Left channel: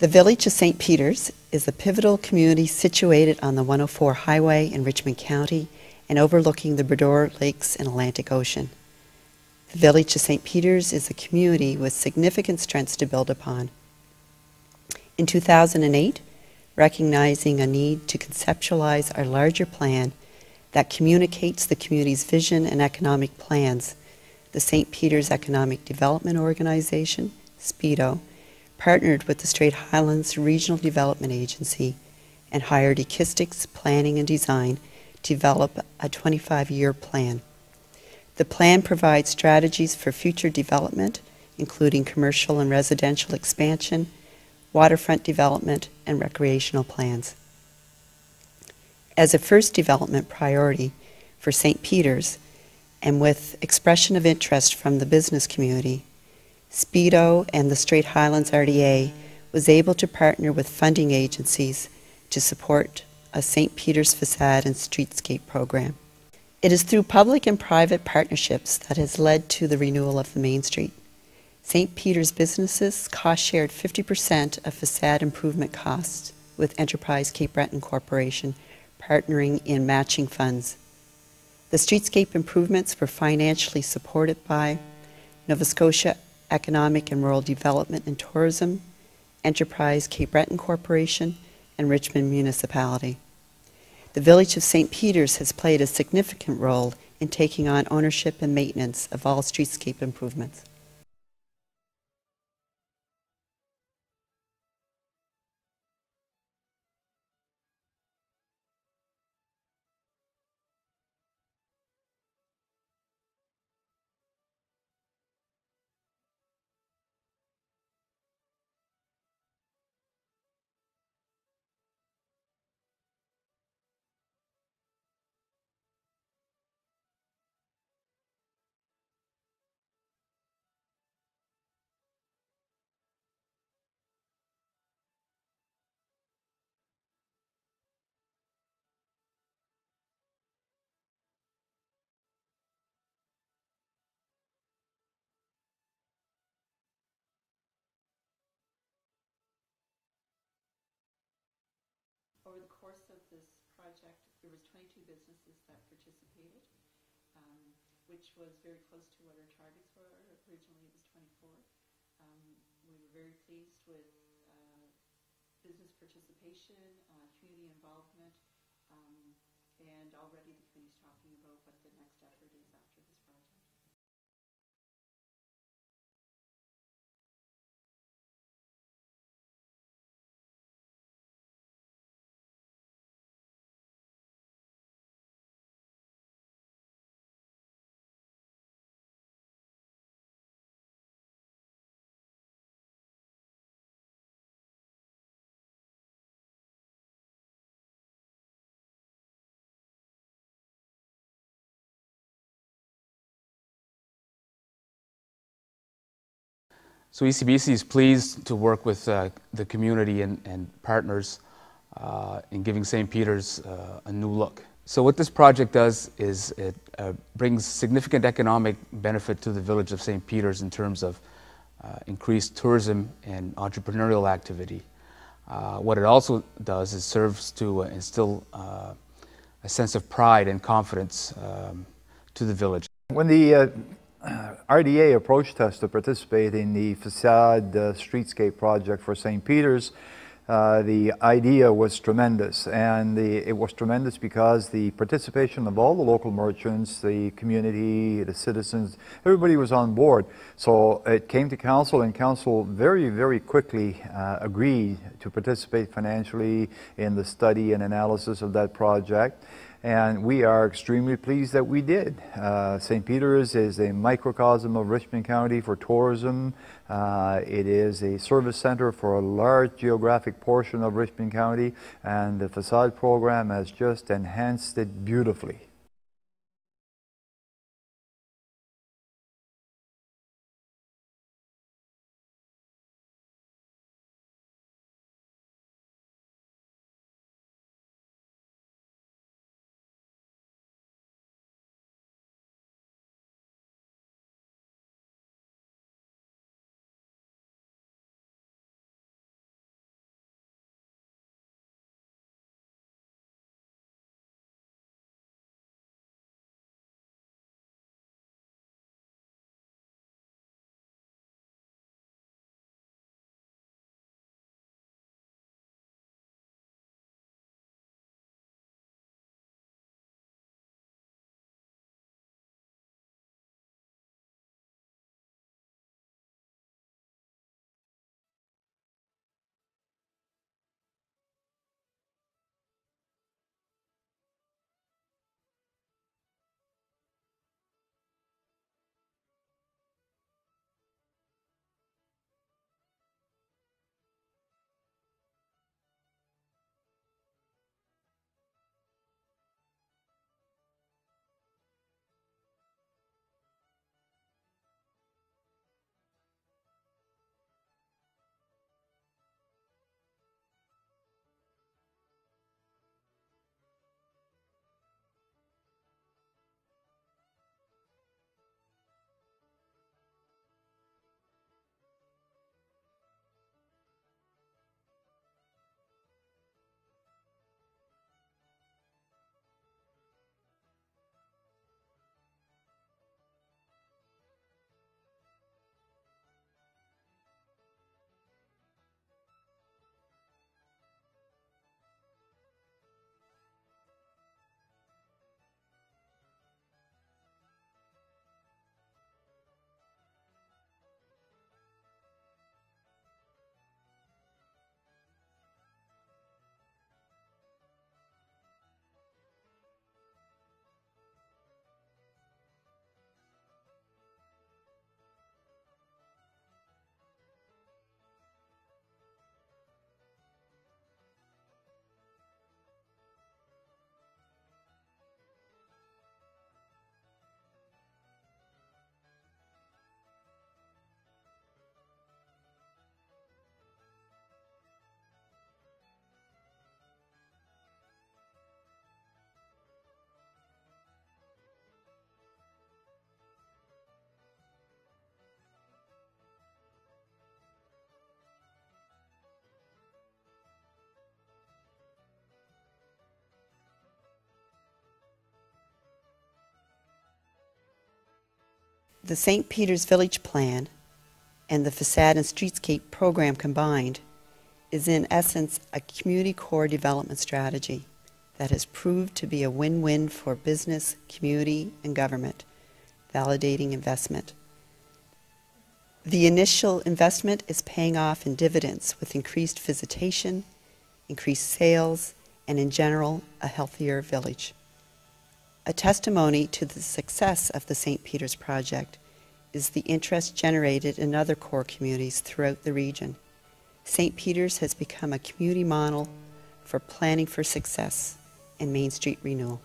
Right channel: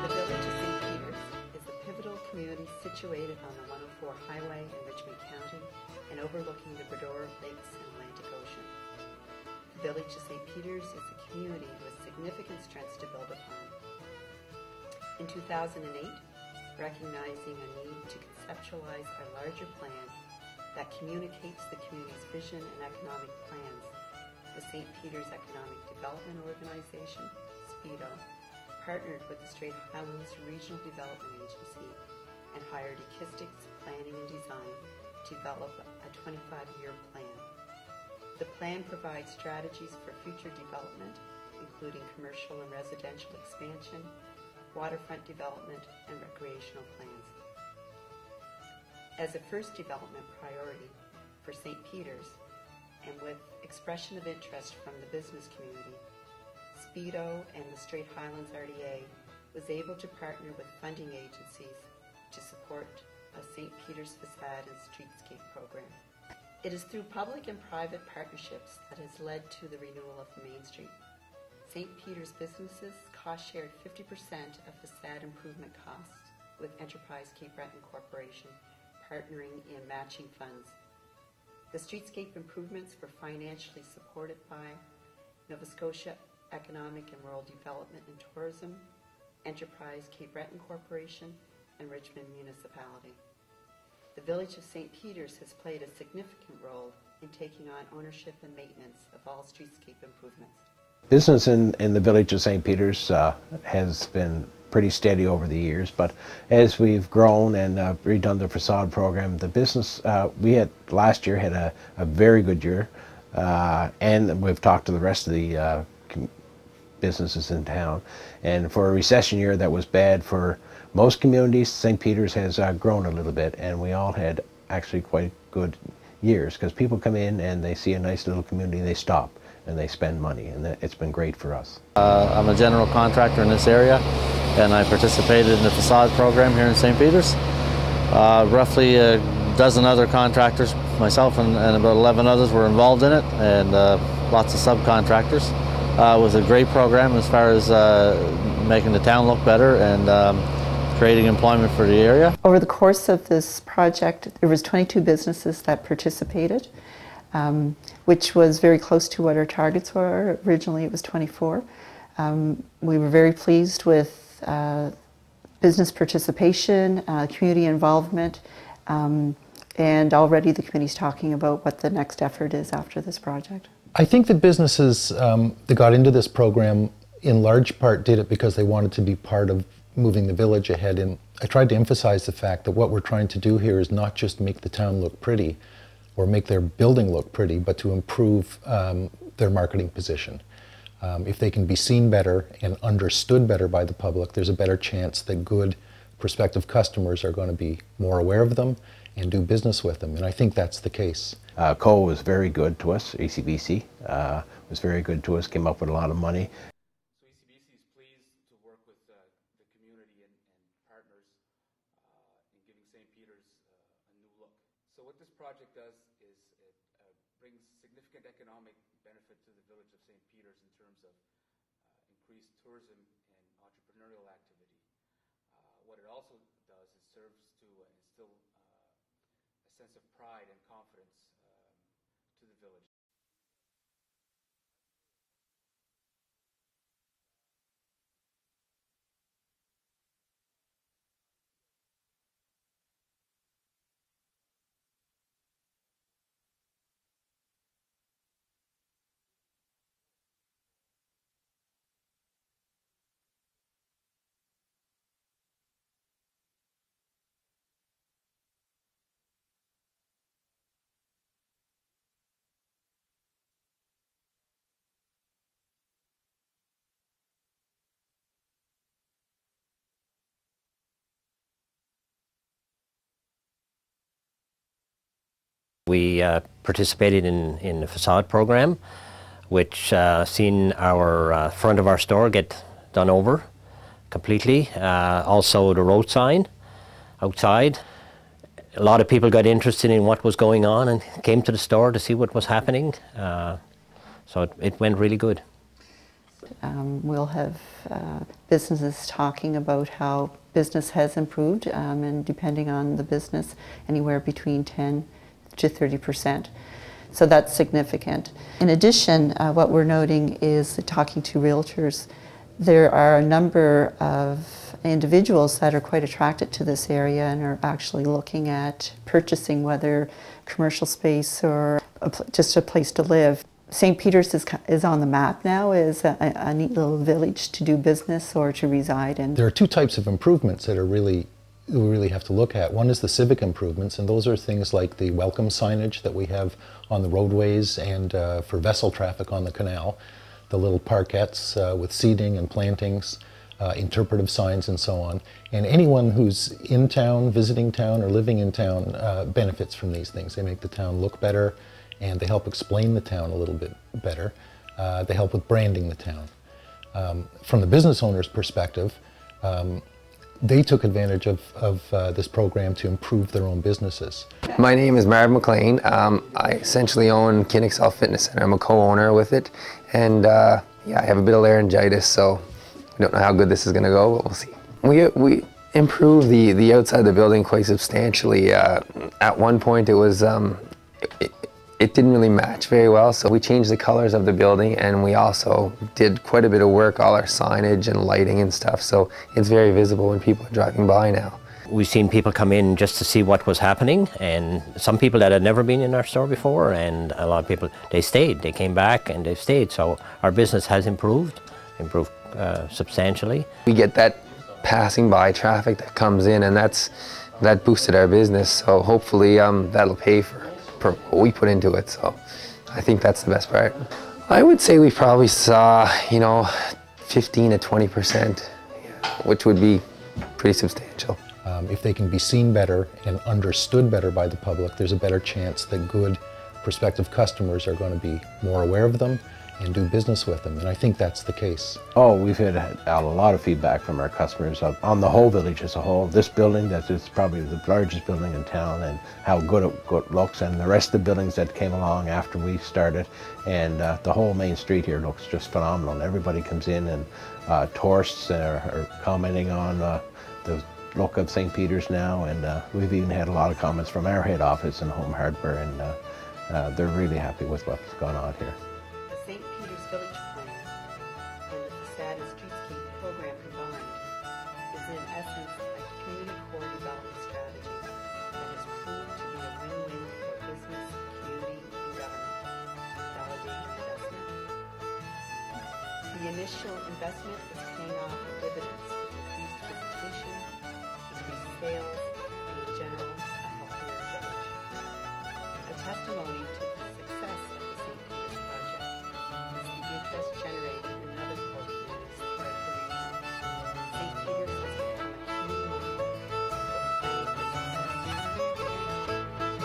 The village of St. Peters is a pivotal community situated on the 104 highway in Richmond County and overlooking the Bredor Lakes and Atlantic Ocean. The village of St. Peters is a community with significant strengths to build upon. In 2008, recognizing a need to conceptualize our larger plan that communicates the community's vision and economic plans, the St. Peters Economic Development Organization, SPEDO, partnered with the Strait Highlands Regional Development Agency and hired Equistics Planning and Design to develop a 25-year plan. The plan provides strategies for future development, including commercial and residential expansion, waterfront development, and recreational plans. As a first development priority for St. Peters, and with expression of interest from the business community, SPEDO and the Strait Highlands RDA was able to partner with funding agencies to support a St. Peters Facade and Streetscape program. It is through public and private partnerships that has led to the renewal of the Main Street. St. Peters businesses cost-shared 50% of facade improvement costs with Enterprise Cape Breton Corporation partnering in matching funds. The streetscape improvements were financially supported by Nova Scotia Economic and Rural Development and Tourism, Enterprise Cape Breton Corporation, and Richmond Municipality. The village of St. Peters has played a significant role in taking on ownership and maintenance of all streetscape improvements. Business in the village of St. Peters has been pretty steady over the years, but as we've grown and redone the facade program, the business, last year had a very good year, and we've talked to the rest of the businesses in town, and for a recession year that was bad for most communities, St. Peters has grown a little bit, and we all had actually quite good years because people come in and they see a nice little community, they stop and they spend money, and it's been great for us. I'm a general contractor in this area, and I participated in the facade program here in St. Peters. Roughly a dozen other contractors, myself and about 11 others were involved in it, and lots of subcontractors. It was a great program as far as making the town look better and creating employment for the area. Over the course of this project, there was 22 businesses that participated, which was very close to what our targets were. Originally it was 24. We were very pleased with business participation, community involvement, and already the committee's talking about what the next effort is after this project. I think that businesses that got into this program in large part did it because they wanted to be part of moving the village ahead. And I tried to emphasize the fact that what we're trying to do here is not just make the town look pretty or make their building look pretty, but to improve their marketing position. If they can be seen better and understood better by the public, there's a better chance that good prospective customers are going to be more aware of them and do business with them, and I think that's the case. CO was very good to us, ECBC was very good to us, came up with a lot of money. So ECBC is pleased to work with the community and partners in giving St. Peters a new look. So what this project does is it brings significant economic benefit to the village of St. Peters in terms of increased tourism and entrepreneurial activity. What it also does is serves to instill a sense of pride and confidence to the village. When the RDA approached us to participate in the Facade Streetscape project for St. Peters, the idea was tremendous, and it was tremendous because the participation of all the local merchants, the community, the citizens, everybody was on board. So it came to council, and council very, very quickly agreed to participate financially in the study and analysis of that project. And we are extremely pleased that we did. St. Peters is a microcosm of Richmond County for tourism. It is a service center for a large geographic portion of Richmond County, and the facade program has just enhanced it beautifully. We participated in the facade program, which seen our front of our store get done over completely. Also the road sign outside. A lot of people got interested in what was going on and came to the store to see what was happening. So it went really good. We'll have businesses talking about how business has improved, and depending on the business, anywhere between 10 to 30%. So that's significant. In addition, what we're noting is that talking to realtors, there are a number of individuals that are quite attracted to this area and are actually looking at purchasing, whether commercial space or just a place to live. St. Peter's is on the map now as a neat little village to do business or to reside in. There are two types of improvements that are we really have to look at. One is the civic improvements, and those are things like the welcome signage that we have on the roadways and for vessel traffic on the canal, the little parkettes with seating and plantings, interpretive signs and so on. And anyone who's in town, visiting town, or living in town benefits from these things. They make the town look better, and they help explain the town a little bit better. They help with branding the town. From the business owner's perspective, they took advantage of this program to improve their own businesses. My name is Marv McLean. I essentially own Kinexcel Fitness Center. I'm a co-owner with it, and yeah, I have a bit of laryngitis, so I don't know how good this is going to go, but we'll see. We improved the outside of the building quite substantially. At one point, it was it didn't really match very well, so we changed the colors of the building, and we also did quite a bit of work, all our signage and lighting and stuff, so it's very visible when people are driving by now. We've seen people come in just to see what was happening, and some people that had never been in our store before, and a lot of people, they stayed. They came back and they've stayed, so our business has improved substantially. We get that passing by traffic that comes in, and that boosted our business, so hopefully that'll pay for what we put into it, so I think that's the best part. I would say we probably saw, 15 to 20%, which would be pretty substantial. If they can be seen better and understood better by the public, there's a better chance that good prospective customers are going to be more aware of them and do business with them, and I think that's the case. Oh, we've had a lot of feedback from our customers on the whole village as a whole. This building, that is probably the largest building in town, and how good it looks, and the rest of the buildings that came along after we started, and the whole main street here looks just phenomenal. Everybody comes in, and tourists are commenting on the look of St. Peter's now, and we've even had a lot of comments from our head office in Home Hardware, and they're really happy with what's gone on here. The St. Peter's Village Plan and the Facade and Streetscape program combined is in essence a community core development strategy that has proved to be a win-win for business, community, and government, validating investment. The initial investment is paying off in dividends with increased visitation, increased sales, and in general, a healthier village. A testimony to the success of the St. Peter's project is the interest generated in other core communities throughout the region. St. Peter's has become a community model for planning for success in Main Street renewal.